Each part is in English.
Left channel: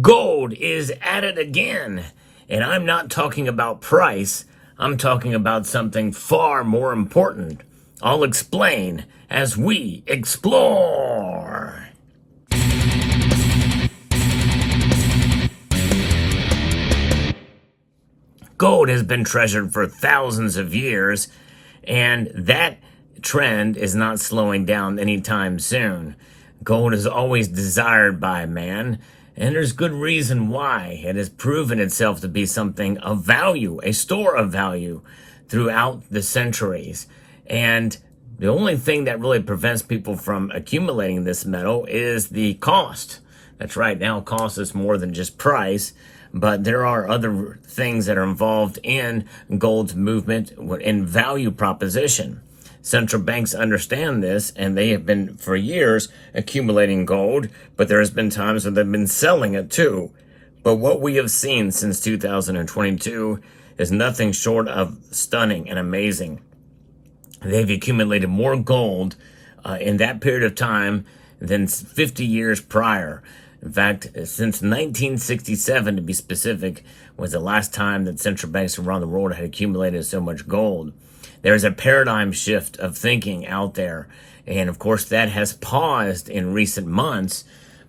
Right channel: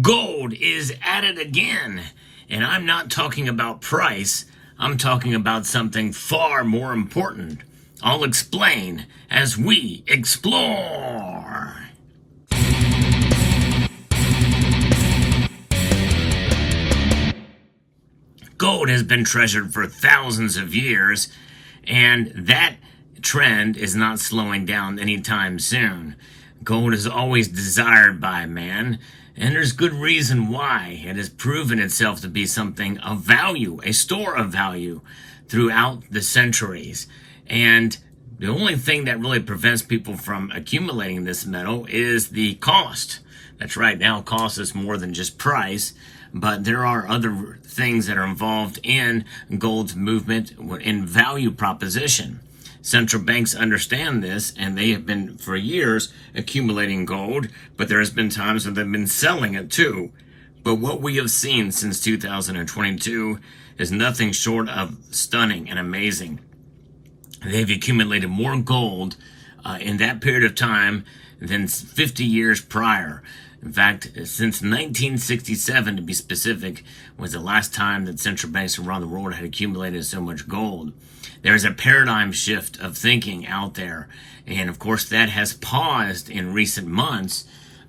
Gold is at it again. And I'm not talking about price. I'm talking about something far more important. I'll explain as we explore. Gold has been treasured for thousands of years, and that trend is not slowing down anytime soon. Gold is always desired by man, and there's good reason why. It has proven itself to be something of value, a store of value throughout the centuries. And the only thing that really prevents people from accumulating this metal is the cost. That's right, now cost is more than just price, but there are other things that are involved in gold's movement in value proposition. Central banks understand this, and they have been for years accumulating gold, but there's been times when they've been selling it too. But what we have seen since 2022 is nothing short of stunning and amazing. They've accumulated more gold in that period of time than 50 years prior. In fact, since 1967, to be specific, was the last time that central banks around the world had accumulated so much gold. There's a paradigm shift of thinking out there. And of course, that has paused in recent months,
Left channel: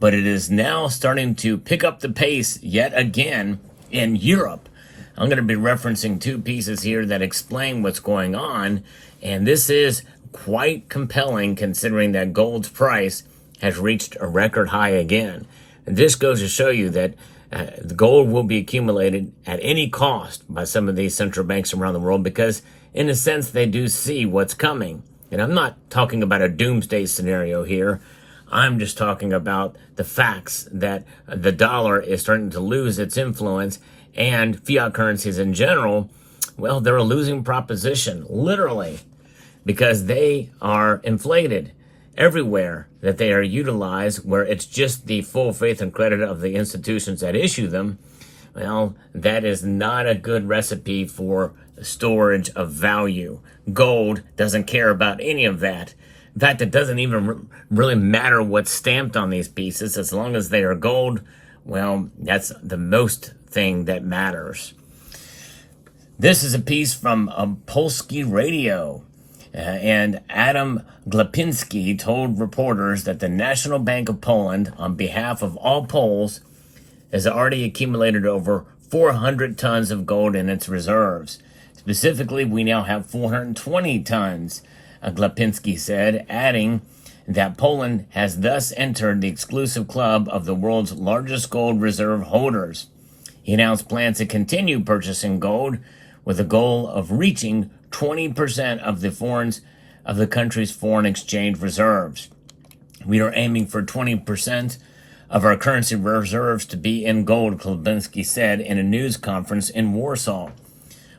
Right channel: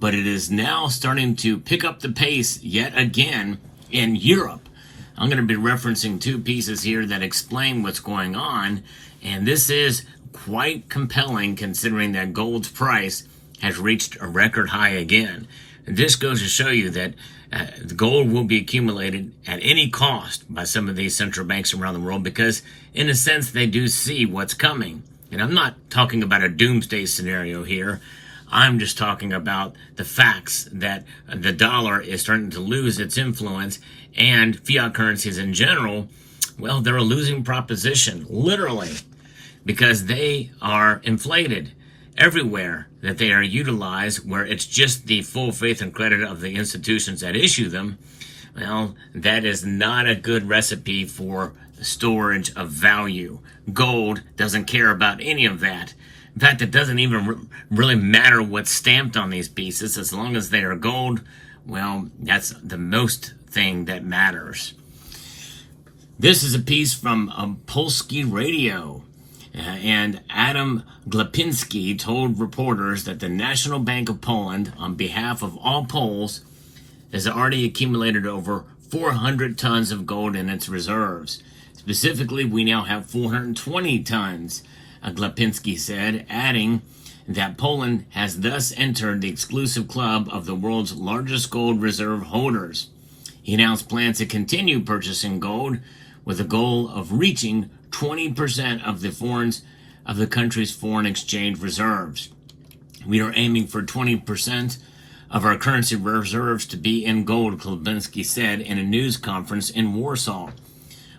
but it is now starting to pick up the pace yet again in Europe. I'm going to be referencing two pieces here that explain what's going on. And this is quite compelling considering that gold's price has reached a record high again. And this goes to show you that the gold will be accumulated at any cost by some of these central banks around the world because, in a sense, they do see what's coming. And I'm not talking about a doomsday scenario here. I'm just talking about the facts that the dollar is starting to lose its influence, and fiat currencies in general, well, they're a losing proposition, literally, because they are inflated everywhere that they are utilized, where it's just the full faith and credit of the institutions that issue them. Well, that is not a good recipe for storage of value. Gold doesn't care about any of that. In fact, it doesn't even really matter what's stamped on these pieces. As long as they are gold, well, that's the most thing that matters. This is a piece from Polski Radio. And Adam Glapiński told reporters that the National Bank of Poland, on behalf of all Poles, has already accumulated over 400 tons of gold in its reserves. Specifically, we now have 420 tons, Glapiński said, adding that Poland has thus entered the exclusive club of the world's largest gold reserve holders. He announced plans to continue purchasing gold with a goal of reaching 20% of the country's foreign exchange reserves. We are aiming for 20% of our currency reserves to be in gold, Glapiński said in a news conference in Warsaw.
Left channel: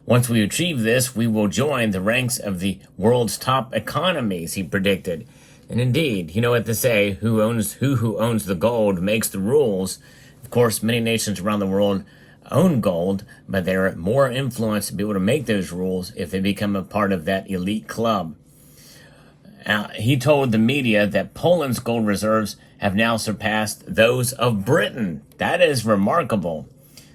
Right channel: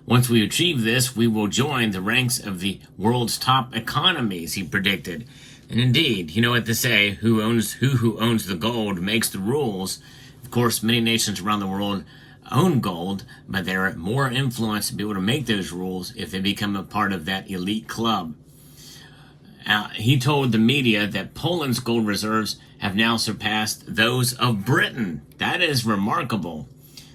Once we achieve this, we will join the ranks of the world's top economies, he predicted. And indeed, you know what they say, who owns the gold makes the rules. Of course, many nations around the world own gold, but they're more influenced to be able to make those rules if they become a part of that elite club. He told the media that Poland's gold reserves have now surpassed those of Britain. That is remarkable.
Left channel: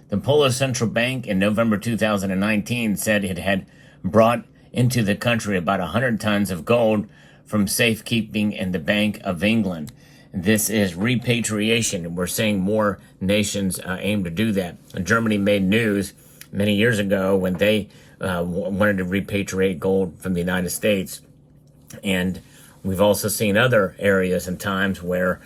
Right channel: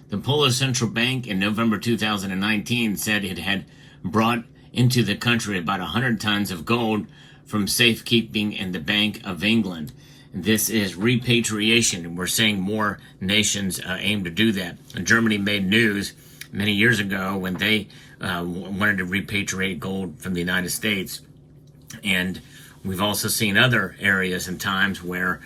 The Polish Central Bank in November 2019 said it had brought into the country about 100 tons of gold from safekeeping in the Bank of England. This is repatriation, and we're seeing more nations aim to do that. Germany made news many years ago when they wanted to repatriate gold from the United States. And we've also seen other areas and times where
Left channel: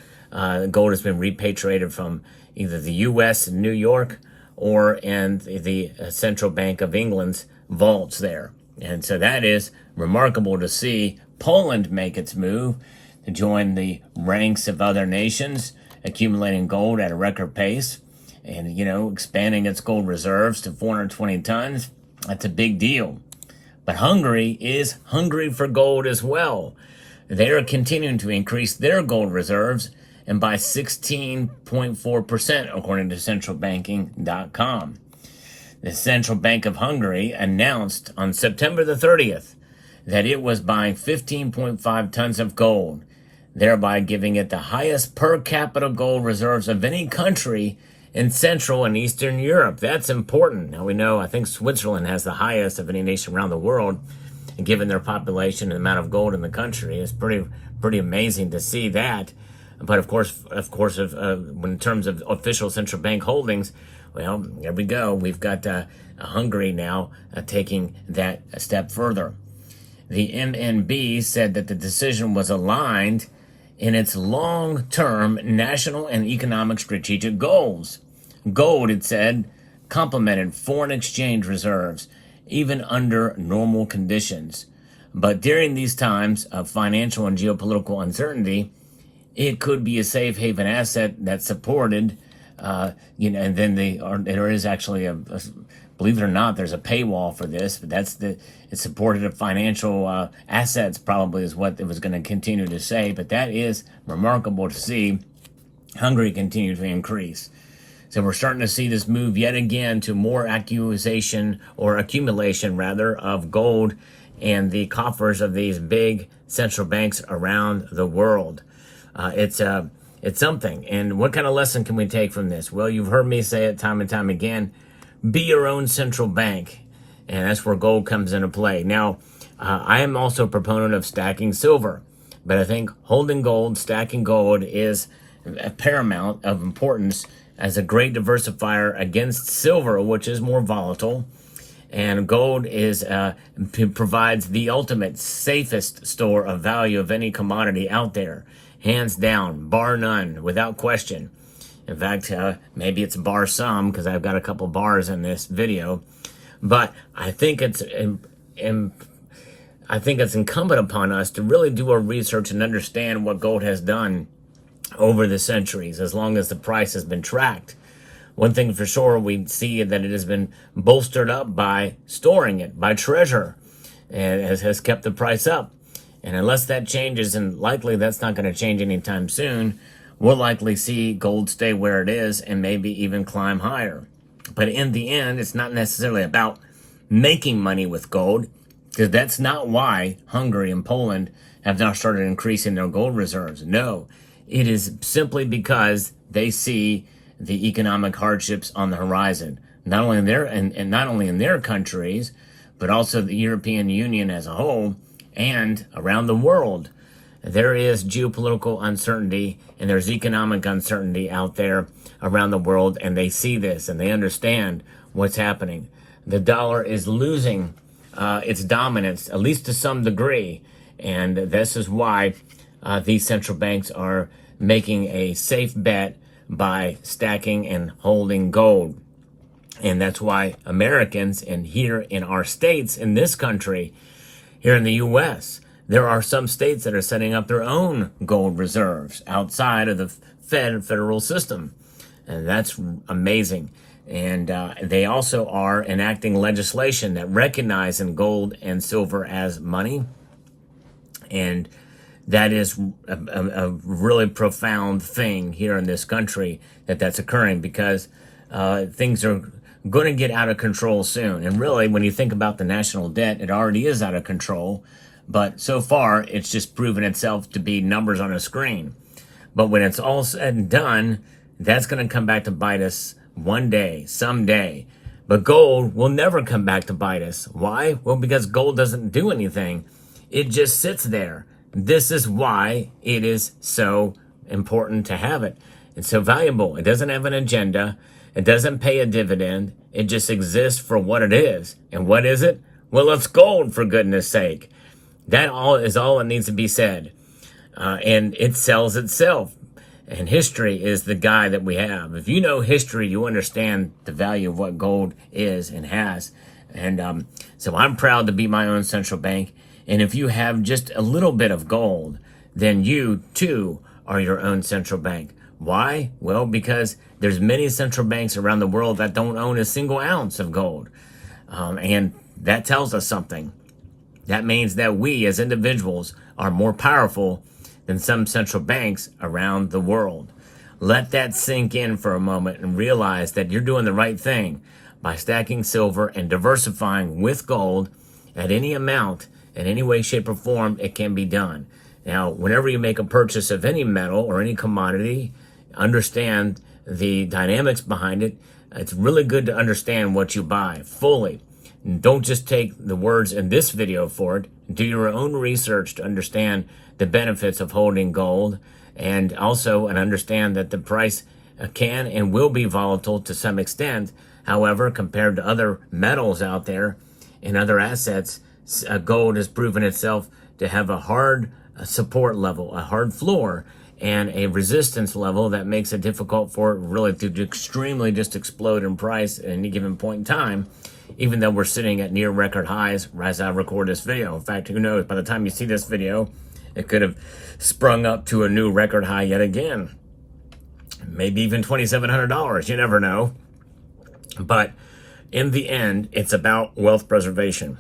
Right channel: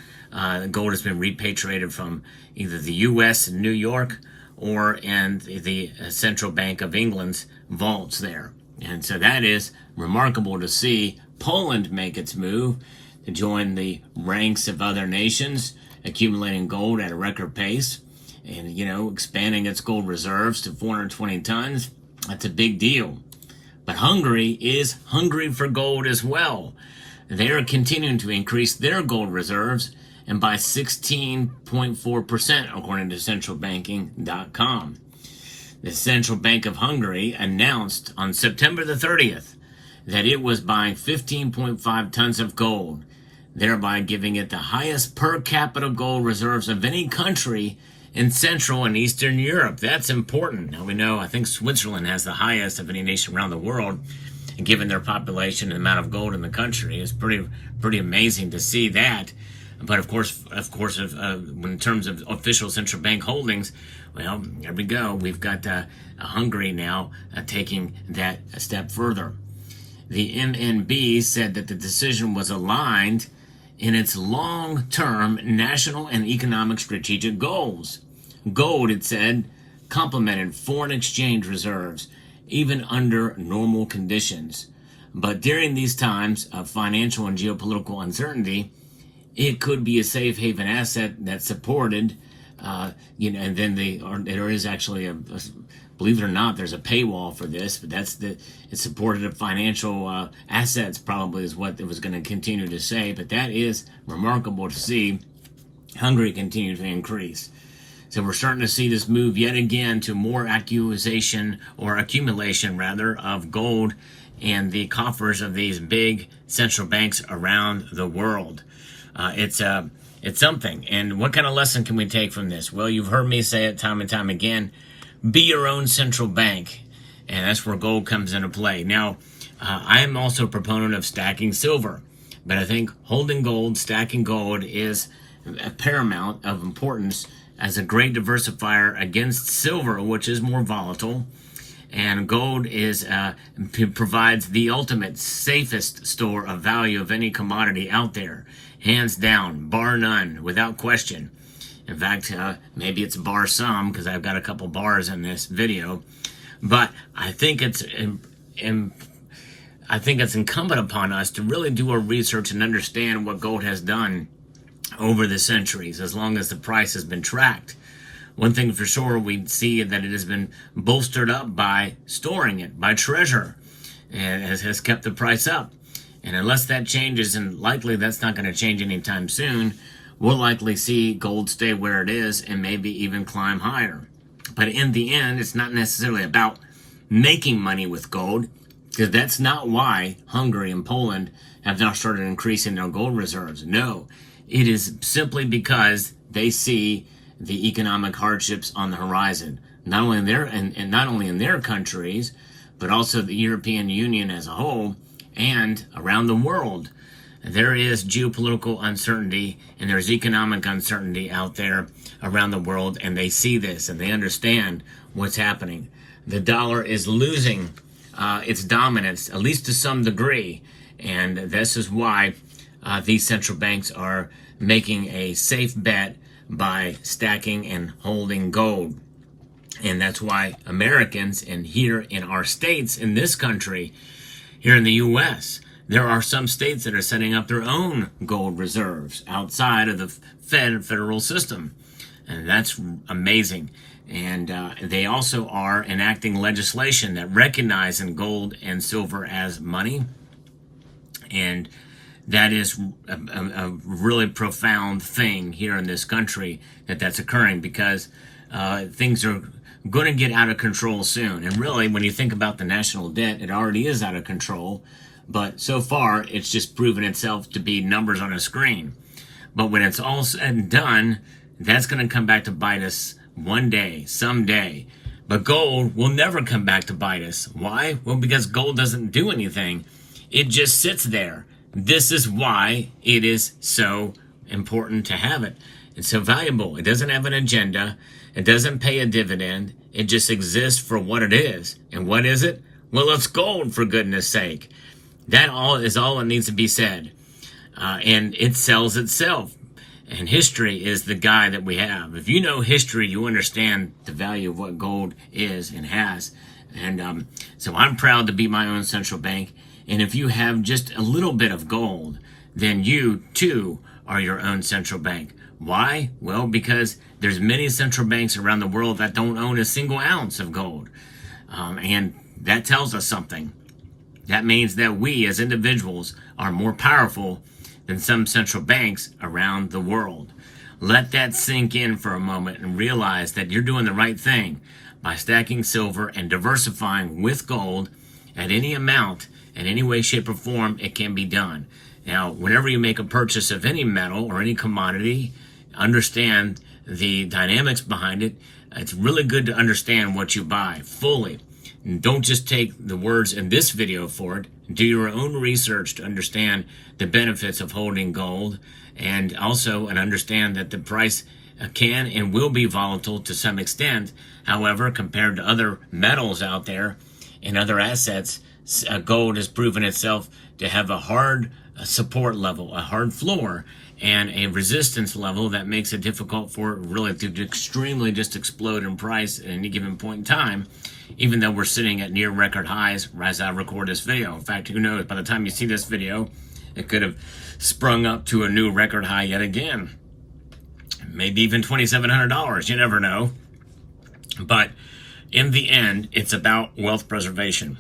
gold has been repatriated from either the U.S. in New York or in the Central Bank of England's vaults there. And so that is remarkable to see Poland make its move to join the ranks of other nations, accumulating gold at a record pace and, expanding its gold reserves to 420 tons. That's a big deal. But Hungary is hungry for gold as well. They are continuing to increase their gold reserves, and by 16.4%, according to centralbanking.com. The Central Bank of Hungary announced on September the 30th that it was buying 15.5 tons of gold, thereby giving it the highest per capita gold reserves of any country in Central and Eastern Europe. That's important. Now we know, I think Switzerland has the highest of any nation around the world, and given their population and the amount of gold in the country, it's pretty amazing to see that. But of course, in terms of official central bank holdings, well, there we go. We've got Hungary now taking that a step further. The MNB said that the decision was aligned in its long-term national and economic strategic goals. Gold, it said, complemented foreign exchange reserves, even under normal conditions. But during these times of financial and geopolitical uncertainty, it could be a safe haven asset that's supported, and then there is actually believe it or not, there's a paywall for this, but it's supported of financial assets probably is what it was going to continue to say. But that is remarkable to see Hungary continue to increase. So we're starting to see this move yet again to more accumulation of gold in the coffers of these big central banks around the world. It's something. And what kind of lesson can we take from this? Well, you've heard me say it time and time again. Be your own central bank. And that's where gold comes into play. Now, I am also a proponent of stacking silver. But I think holding gold, stacking gold is a paramount of importance as a great diversifier against silver, which is more volatile. And gold provides the ultimate, safest store of value of any commodity out there. Hands down, bar none, without question. In fact, maybe it's bar some, because I've got a couple bars in this video. But I think it's incumbent upon us to really do our research and understand what gold has done over the centuries, as long as the price has been tracked. One thing for sure, we see that it has been bolstered up by storing it, by treasure, and has kept the price up. And unless that changes, and likely that's not going to change anytime soon, we'll likely see gold stay where it is and maybe even climb higher. But in the end, it's not necessarily about making money with gold, because that's not why Hungary and Poland have now started increasing their gold reserves. No, it is simply because they see the economic hardships on the horizon, not only in their countries, but also the European Union as a whole and around the world. There is geopolitical uncertainty and there's economic uncertainty out there around the world, and they see this and they understand what's happening. The dollar is losing its dominance, at least to some degree, and this is why these central banks are making a safe bet by stacking and holding gold. And that's why Americans, and here in our states, in this country, here in the U.S., there are some states that are setting up their own gold reserves outside of the federal system. And that's amazing. And they also are enacting legislation that recognizes gold and silver as money. And that is a really profound thing here in this country that's occurring, because things are going to get out of control soon. And really, when you think about the national debt, it already is out of control. But so far, it's just proven itself to be numbers on a screen. But when it's all said and done, that's going to come back to bite us one day, someday. But gold will never come back to bite us. Why? Well, because gold doesn't do anything. It just sits there. This is why it is so important to have it. It's so valuable. It doesn't have an agenda. It doesn't pay a dividend. It just exists for what it is. And what is it? Well, it's gold, for goodness sake. That is all that needs to be said. And it sells itself. And history is the guide that we have. If you know history, you understand the value of what gold is and has. And so I'm proud to be my own central bank. And if you have just a little bit of gold, then you too are your own central bank. Why? Well, because there's many central banks around the world that don't own a single ounce of gold. And that tells us something. That means that we as individuals are more powerful than some central banks around the world. Let that sink in for a moment and realize that you're doing the right thing by stacking silver and diversifying with gold at any amount, in any way, shape, or form. It can be done. Now, whenever you make a purchase of any metal or any commodity, understand the dynamics behind it, it's really good to understand what you buy fully. And don't just take the words in this video for it. Do your own research to understand the benefits of holding gold, and also understand that the price can and will be volatile to some extent. However, compared to other metals out there and other assets, gold has proven itself to have a hard support level, a hard floor, and a resistance level that makes it difficult for it really to extremely just explode in price at any given point in time, even though we're sitting at near record highs as I record this video. In fact, who knows, by the time you see this video, it could have sprung up to a new record high yet again. Maybe even $2,700, you never know. But in the end, it's about wealth preservation.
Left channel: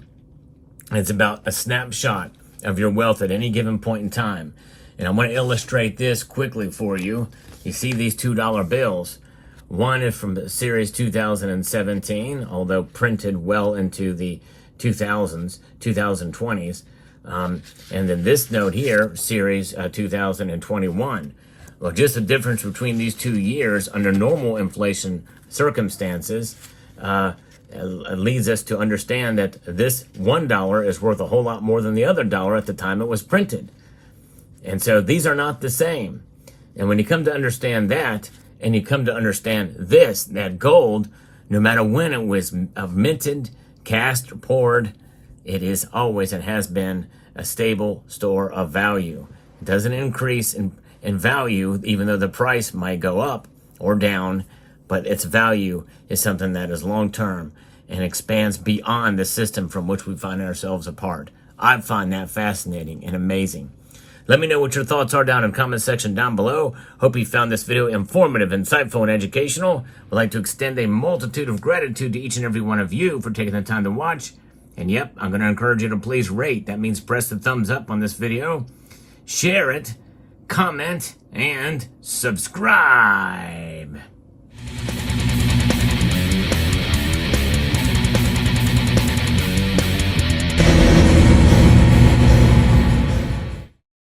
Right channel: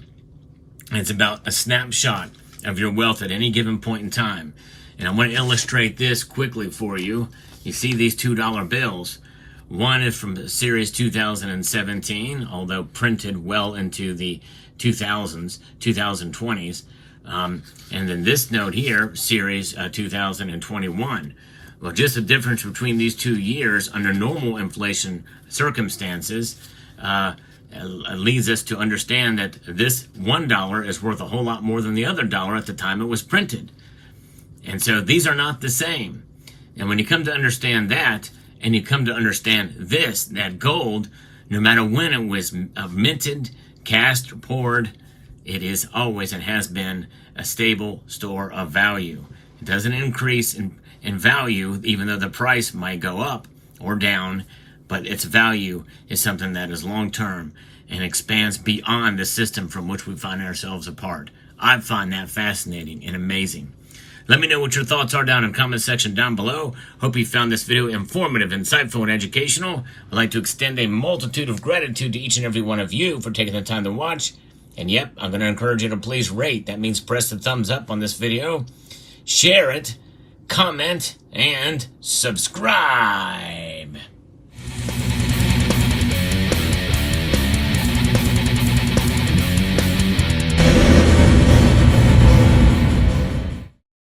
It's about a snapshot of your wealth at any given point in time. And I want to illustrate this quickly for you. You see these $2 bills. One is from the series 2017, although printed well into the 2020s. And then this note here, series 2021. Well, just the difference between these 2 years under normal inflation circumstances leads us to understand that this $1 is worth a whole lot more than the other dollar at the time it was printed. And so these are not the same. And when you come to understand that, and you come to understand this, that gold, no matter when it was minted, cast, or poured, it is always and has been a stable store of value. It doesn't increase in value, even though the price might go up or down, but its value is something that is long-term and expands beyond the system from which we find ourselves a part. I find that fascinating and amazing. Let me know what your thoughts are down in the comment section down below. Hope you found this video informative, insightful, and educational. I'd like to extend a multitude of gratitude to each and every one of you for taking the time to watch. And yep, I'm going to encourage you to please rate. That means press the thumbs up on this video, share it, comment, and subscribe.